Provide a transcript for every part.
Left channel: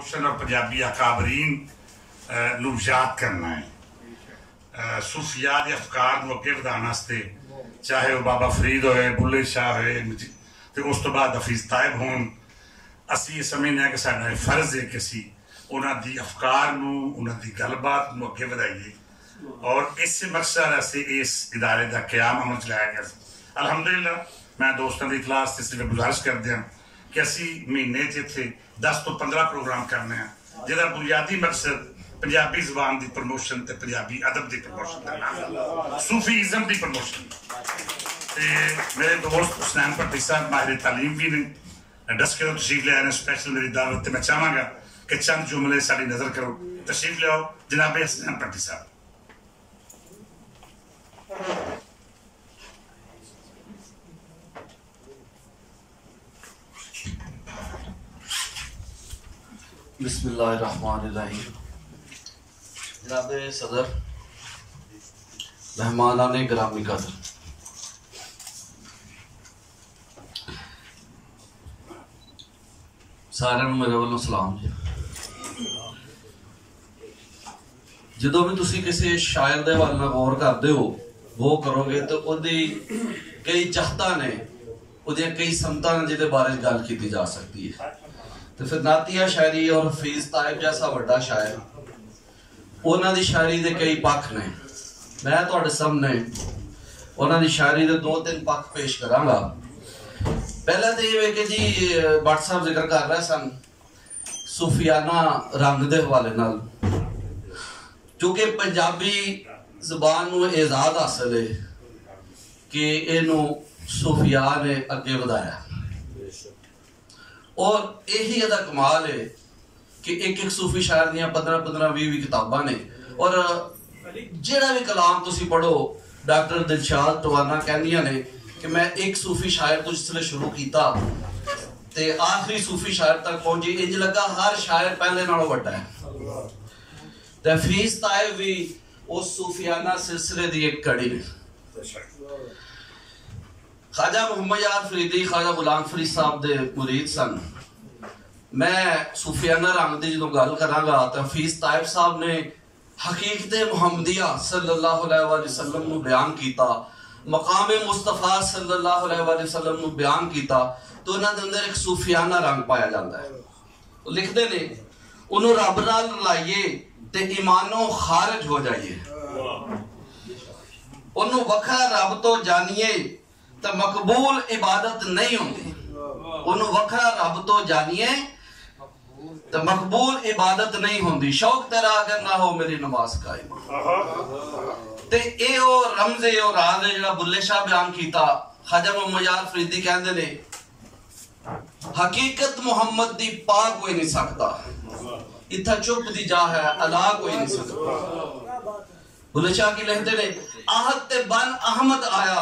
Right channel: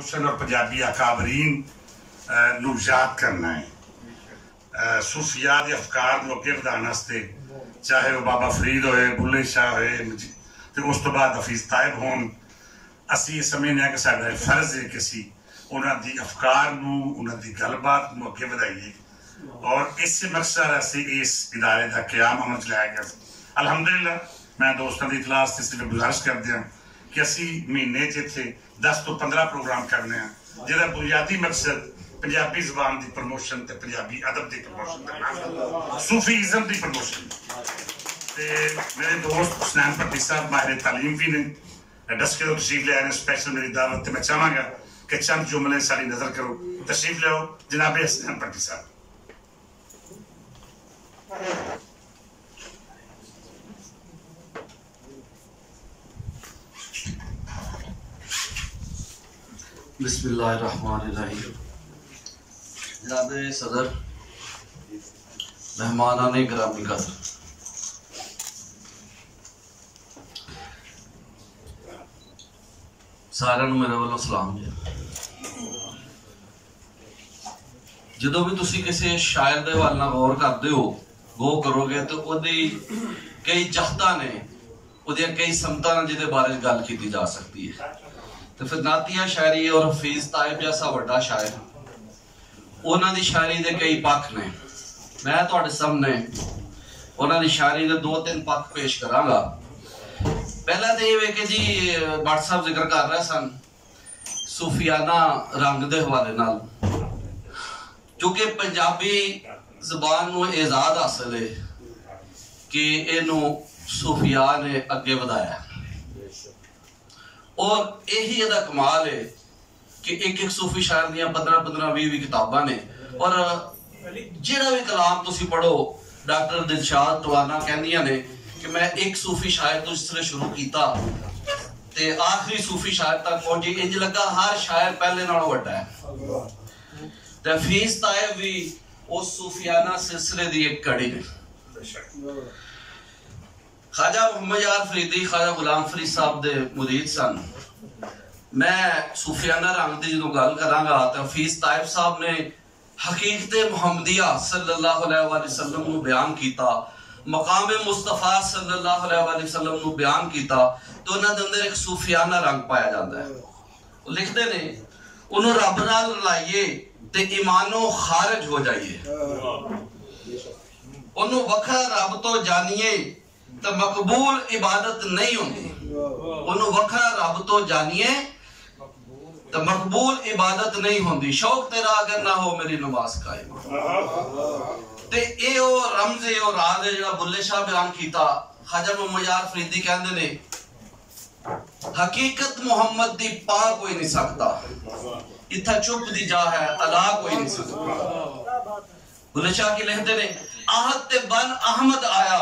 और पंजाबी अकाबरीन नू याद करना है, सूफियात अफकार नू अगे वधाने वास्ते, चाहे वह बाबा फरीद होए, बुल्ले शाह होए, ते उस तो बाद हफीज तायब होन। असी समझने कि साडा फर्ज है कि असी उन्हां दी अफकार नू, उन्हां दी गलबात नू अगे वधाइए और इस मकसद से इस इदारे का क्याम अमल च लाया गया। अलहमदुलिल्लाह मैं दोस्तों की इतलाह से सिर्फ गुजारिश कर दिया कि असी महीने इत्थे 10 तो 15 प्रोग्राम करने हैं, जिहदा बुनियादी मकसद पंजाबी जबान की प्रमोशन ते पंजाबी अदब की प्रमोशन करना, सूफीइज्म की प्रमोशन। मेरे दोस्त हुसनैन भट्टी साहब माहिर तालीम भी ने, डस्के तो तशरीफ ले आए ने, स्पैशल मेरी दावत। मैं चाहांगा कि चंद जुमले सारी नजर करो, तशरीफ ले आओ जनाब हुसनैन भट्टी साहब। बिस्मिल्लाहिर्रहमानिर्रहीम। जनाब सदर, मेहमानाने गिरामी कदर, सारिਆਂ ਨੂੰ मेरे वालों सलाम जी। ਜਦੋਂ भी ਤੁਸੀਂ ਕਿਸੇ ਸ਼ਾਇਰ ਦੇ ਵੱਲ ਨਾਲ ਗੌਰ ਕਰਦੇ ਹੋ, ਗੋ ਕਰੋਗੇ तो ਉਹਦੀ ਕਈ ਜਹਤਾਂ ਨੇ, ਉਹਦੀਆਂ ਕਈ ਸਮਤਾਂ ਨੇ ਜਿਹਦੇ ਬਾਰੇ ਗੱਲ ਕੀਤੀ ਜਾ ਸਕਦੀ ਹੈ। तो फिर नातिया शायरी और हफीज तायब जैसा बड़ा शायर, उन्होंने शायरी के कई पक्ष ने। मैं तुहाडे सामने उन्होंने शायरी के 2-3 पक्ष पेश करांगा। पहला तो ये कि जी भट्ट साहब जिक्र कर रहे सन सूफियाना रंग के हवाले नाल, क्योंकि पंजाबी जबान नूं एजाज हासिल है कि इनू सूफिया ने अगे वधाया और यही इहदा कमाल है कि एक सूफी शायर दियां 15-20 किताबां ने। और जिहड़ा भी कलाम तुसी पढ़ो, डॉक्टर दिलशाद टवाना कहंदियां ने कि मैं एक सूफी शायर तो जिसले शुरू किया ते आखिरी सूफी शायर तक पहुंची, इंज लगा हर शायर पहले नालों वड्डा है। ते हफीज तायब भी उस सूफियाना सिलसिले दी एक कड़ी ने। ख्वाजा मोहम्मद यार फरीदी ख्वाजा गुलाम फरीद साहब दे मुरीद सन। मैं सूफियाना रंग की जो गल करांगा तो हफीज तायब साहब ने हकीकत मुहम्मदिया सल्लल्लाहु अलैहि वसल्लम नू बयान किया, मकाम मुस्तफा सल्लल्लाहु अलैहि वसल्लम नू बयान किया, तो उन्हां दे अंदर एक सूफियाना रंग पाया जाता है। वो लिखते ने उन्हों रब नाल रलाइए ते ईमानो खारिज हो जाइए, उन्हों वखरा रब तो जानिए तो मकबूल इबादत नहीं होंगी, उन्हों वखरा रब तो जानिए तो मकबूल इबादत नहीं होंगी, शौक तेरा अगर ना हो मेरी नमाज कायम। ते ए ओ रमज ए ओ राज है जेड़ा बुल्ले शाह बयान कीता। ख्वाजा मोहम्मद यार फरीदी कहंदे ने हकीकत मुहम्मद दी पा कोई नहीं सकता, इत्था चुप दी जा है अला कोई नहीं सकता। बुल्ले शाह की लिखदे ने आहद ते बन अहमद आया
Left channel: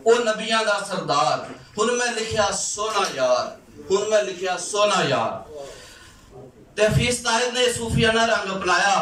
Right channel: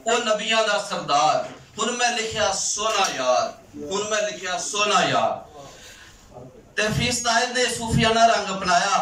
ओ नबियां दा सरदार, हुन मैं लिखिया सोना यार, हुन मैं लिखिया सोना यार। ते हफीज तायब ने सूफियाना रंग अपनाया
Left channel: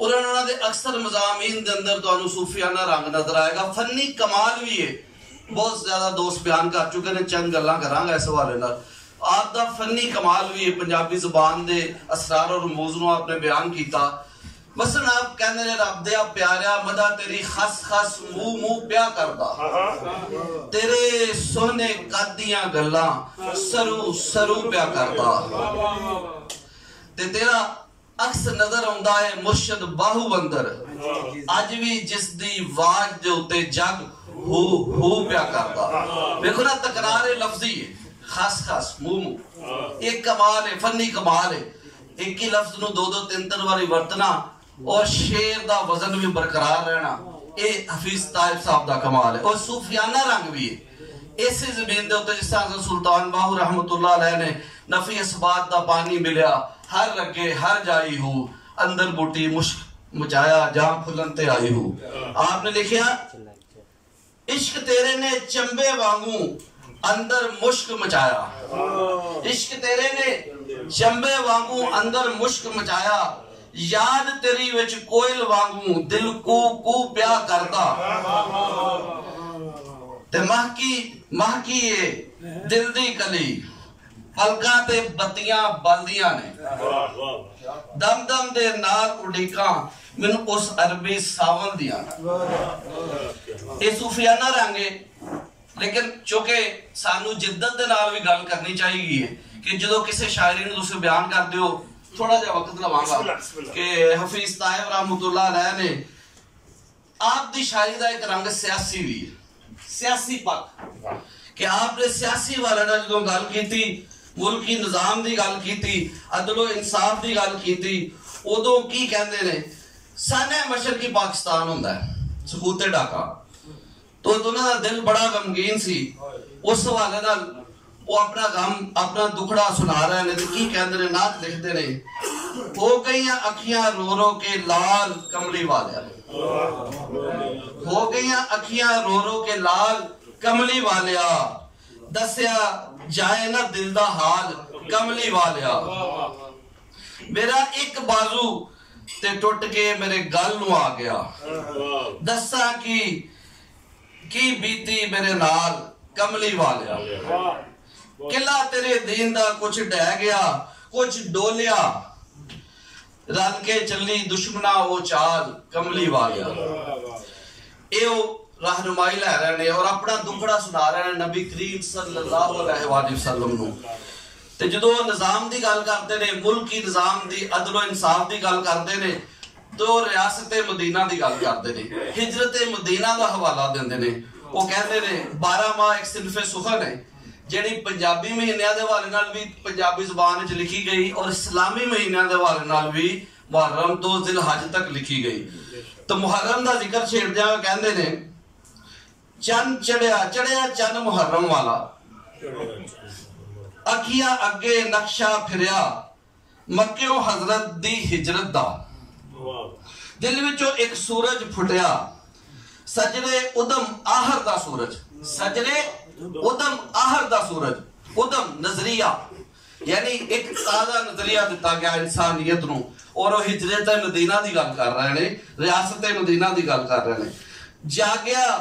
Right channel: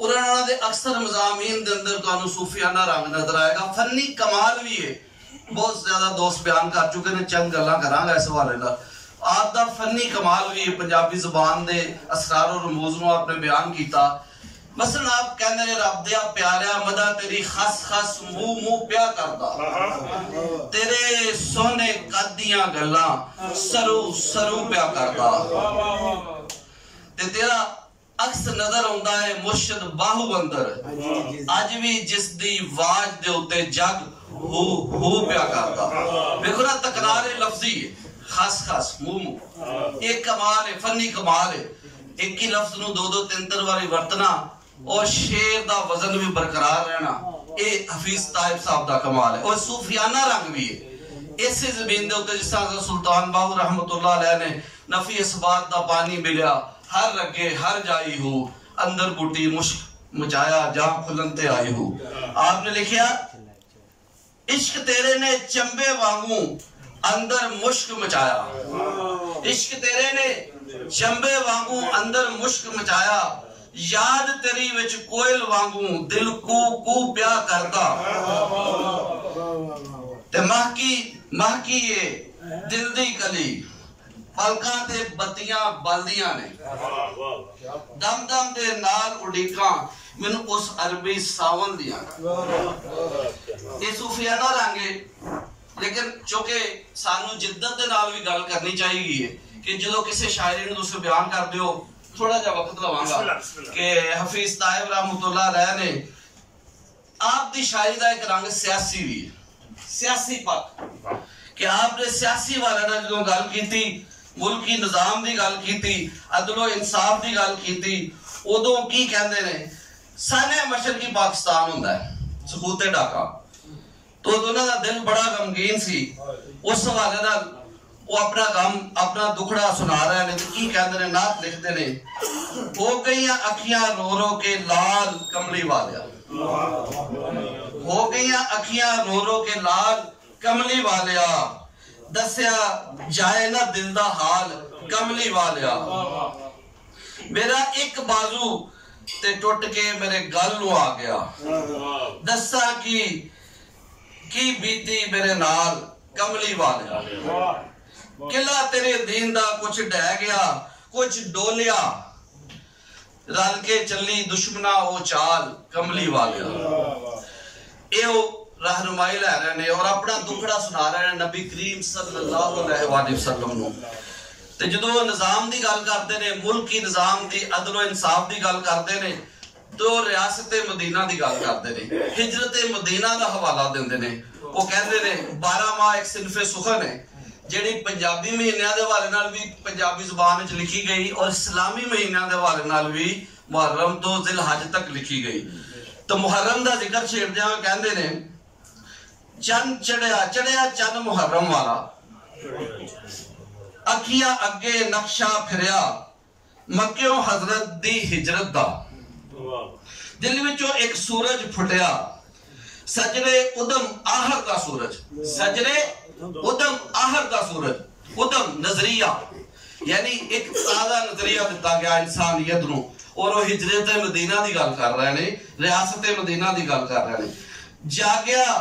और उन्होंने दे अक्सर मज़ामीन दे अंदर तुहानू सूफियाना रंग नजर आएगा। फन्नी कमाल भी है, बहुत ज्यादा दोस्त बयान कर चुके ने, चंद गल्लां करांगा इस हवाले नाल। आप दा फन्नी कमाल भी है, पंजाबी जुबान दे असरार और रमूज नू आपने बयान किया। मसलन आप कहने ने रब दे प्यारिया मदा तेरी खस खस मुंह मुंह प्या करदा, तेरे सोने कदियां गल्लां सरू सरू प्या करदा, ते तेरा अक्स नजर आउंदा है मुर्शिद बाहू अंदर, अज भी जिस दी वाज दे उत्ते जग हू हू प्या करदा। देखो ना तकरार लफ्जी है, खस खस मुंह मुंह, एक कमाल है, फन्नी कमाल है। एक ही लफ्ज नू 2-2 3-3 वाली वरतना और शेर दा वजन भी बरकरार रहना, ये हफीज तायब साहब दा कमाल है। और सूफियाना रंग भी है इस जमीन दे उत्ते, जिस तरह सुल्तान बाहू रहमतुल्लाह अलैह ने नफी इसबात दा पानी मिलिया हर रगे हर जाई हो, अंदर बूटी मुश्क मचाया जहां फुलनते आई हो। आपने लिखिया इश्क तेरे ने चंबे वांगू अंदर मुश्क मचाया, इश्क तेरे ने चंबे वांगू अंदर मुश्क मचाया, याद तेरी विच कोयल वांगू दिल कू कू प्या करदा, ते महकी महकी दिल दी कली पलकां ते बत्तियां बलदियां ने, दम दम दे नाल उड़ीकां मैनू उस अरबी सावन दियां। ये सूफियाना रंग है, लेकिन चूंकि सानू जिद्दत दे नाल भी गल करनी चाहिए कि जो किसी शायरी नूं तुसीं बयान करदे हो, थोड़ा जा वक्त लवांगा कि हफीज ताहिब रहमतुल्लाह अलैह ने आप दी शायरी का एक रंग सियासी भी है, सियासी पक कि आपने सियासी वाले ने जो गल की, मुल्की निजाम की गल की, अदलो इंसाफ की गल की, उदों की कहते ने साने मशरकी पाकिस्तान हुंदा है सबूते डाका, तो उन्होंने का दिल बड़ा गमगीन सी। उस हवाले नाल वो अपना गम अपना दुखड़ा सुना रहे हैं, की कहते ने नात लिखते ने, हो गई अखियां रो रो के लाल कमली वालिया, हो गई अखियां रो रो के लाल कमली वालिया, दस्या जाए ना दिल दा हाल कमली वालिया, मेरा एक बाजू ते टुट के मेरे गल नू आ गया, दसा की बीती मेरे नाल कमली वालिया, किला तेरे दीन दा कुछ ढह गया कुछ डोलिया, रल के चली दुश्मना वो चाल कमली वालिया। ये रहनुमाई लै रहे ने और अपना दुखड़ा सुना रहे हैं नबी करीम सल्लल्लाहु अलैहि वसल्लम नूं। ते जदों निजाम दी गल करदे ने, मुल्की निजाम दी अदलो इंसाफ दी गल करदे ने, तो रियासत मदीना दी गल करदे ने, हिजरत मदीना दा हवाला देंदे ने। वो कहंदे ने 12 माह एक सिनफे सुखन है जिहड़ी पंजाबी महीनों के हवाले नाल भी पंजाबी जुबान विच लिखी गई और इस्लामी महीनों के हवाले नाल भी मुहर्रम तो जिलहज तक लिखी गई। तो मुहर्रम का जिक्र छेड़दे हुए कहंदे ने, चन चढ़िया चढ़िया चन मुहर्रम वाला, अखियां अगे नक्शा फिरिया मक्कियों हजरत दी हिजरत दा, दिल विचों एक सूरज फुटिया सजरे उदम आहर दा सूरज, सजरे उदम आहर दा सूरज, उदम नजरिया यानी एक ताजा नजरिया दिता गया इंसानियत नूं, और वो हिजरत मदीना दी गल कर रहे ने, रियासत मदीना दी गल कर रहे ने। जागया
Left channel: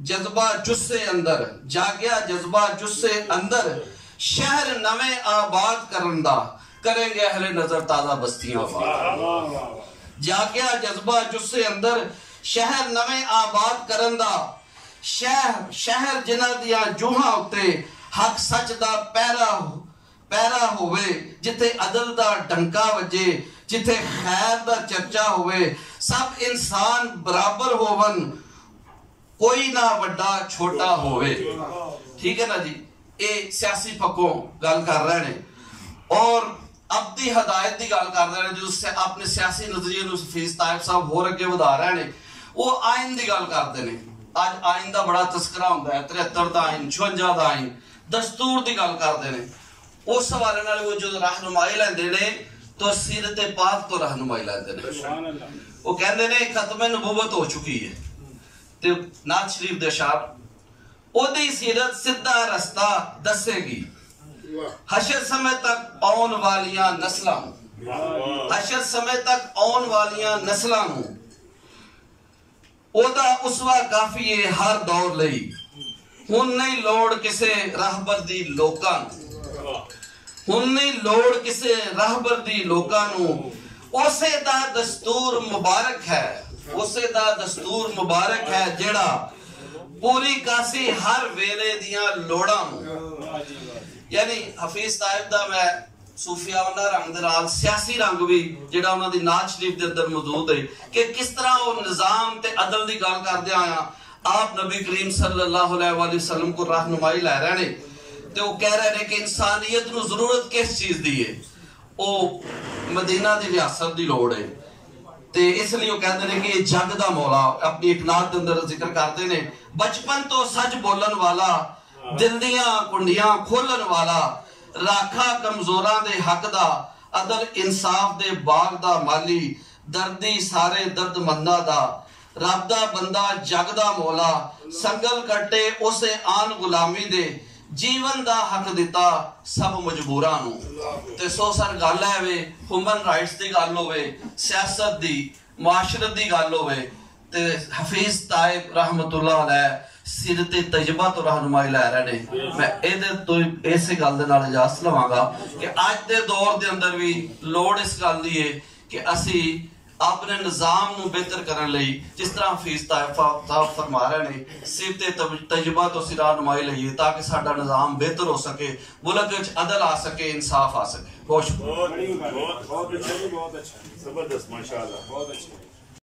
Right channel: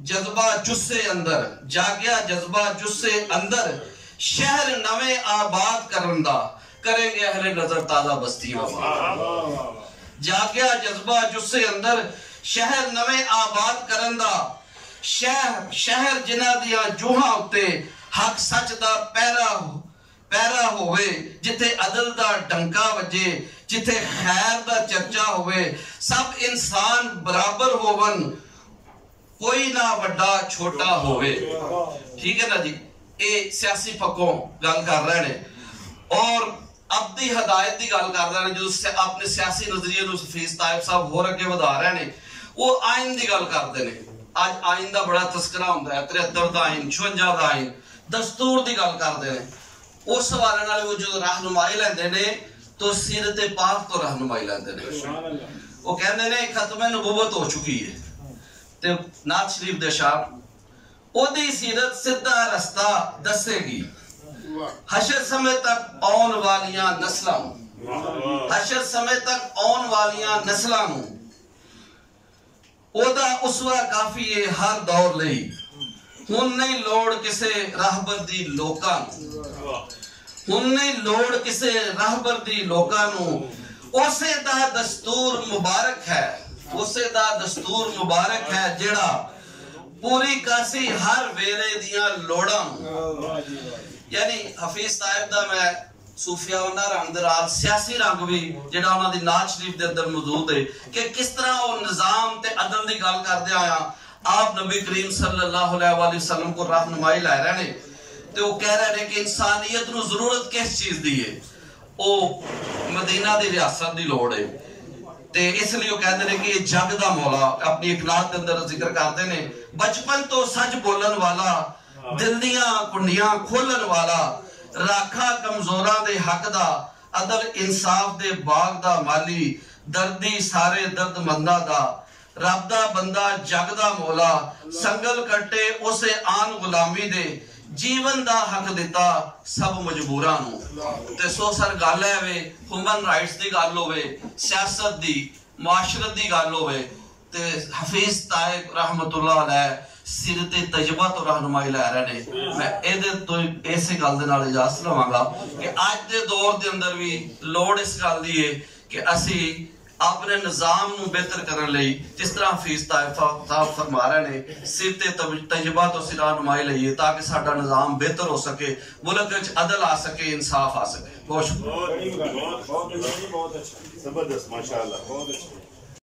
जज्बा जुस्से अंदर, जागया जज्बा जुस्से अंदर, शहर नवे आबाद करन दा, करेंगे अहले नजर ताजा बस्तियां आबाद। जागया जज्बा जुस्से अंदर, शहर नवे आबाद करन दा, शहर जिन्हां दियां जूहां उत्ते हक सच दा पैरा होवे, जिथे अदल दा डंका वजे, जिथे खैर दा चर्चा होवे, सब इंसान बराबर होवन, कोई ना वड्डा छोटा होवे। ठीक है ना जी, ये सियासी पक्कों गल कर रहे ने और अपनी हदायत की गल कर रहे हैं, जो अपने सियासी नजरिए हफीज ताहिब साहब होर अगे वधा रहे हैं। वो आइन की गल करते हैं, अज आइन का बड़ा तस्करा होंदा है, 73 का आइन, 56 का आइन, दस्तूर की गल करते हैं। उस हवाले नाल वो जो रहनुमाई लैंदे ने तो सीरत पाक तो रहनुमाई लैंदे ने। वो कहंदे ने खत्म नबूवत हो चुकी है, ते नात शरीफ दे शाह ओदी सीरत सीधा रास्ता दसेगी, हशर समय तक आने वालियां नस्लां, हशर समय तक आने वालियां नस्लां नूं ओदा उसवा काफी है हर दौर लई, हुण नहीं लोड़ किसे रहबर दी लोकां नूं, हुण नहीं लोड़ किसे रहबर दी लोकां नूं, उसे दा दस्तूर मुबारक है, उसे दा दस्तूर मुबारक है जेड़ा पूरी कासी हर वेले दियां लोड़ां नूं। यानी हफीज ताहिब दा मैं सूफियाना रंग दे नाल सियासी रंग भी जेड़ा उन्हां दी नात शरीफ दे अंदर मौजूद है कि किस तरह वो निजाम ते अदल दी गल करदे आया आप नबी करीम सल्लल्लाहु अलैहि वसल्लम को रहनुमाई लै रहे ने, ते वो कह रहे हैं कि इंसानियत नूं जरूरत किस चीज दी है, वो मदीना दी रियासत दी लोड़ है। ते इसलिए वो कहते हैं कि जग दा मौला अपनी एक नात के अंदर जिक्र करते हैं, बचपन तो सच बोलन वाला, दिल दियां कुंडियां खोलन वाला, राखा कमजोरां दे हक दा, अदल इंसाफ दे बाग दा माली, दर्दी सारे दर्दमंदा दा, रब दा बंदा जग दा मौला, संगल कटे उसे आन गुलामी दे, जीवन दा हक दिता सब मजबूरां नूं। ते सो सर गल है वे ह्यूमन राइट्स दी गल होवे, सियासत दी, मुआशरत दी गल होवे, ते हफीज ताहिब रहमतुल्लाह अलैह सिर ते तजर्बा तो रहनुमाई लै रहे ने। मैं इहदे तो इस गल दे नाल इजाजत लवांगा कि अज दे दौर दे अंदर भी लोड़ इस गल दी है कि असी अपने निजाम नूं बेहतर करने लई जिस तरह हफीज साहब फरमा रहे ने सिर ते तजर्बा तो सिर रहनुमाई लईए ताकि साडा निजाम बेहतर हो सके, मुल्क विच अदल आ सके, इंसाफ आ सके। बहुत अच्छा, जबरदस्त, माशाअल्लाह, बहुत अच्छा।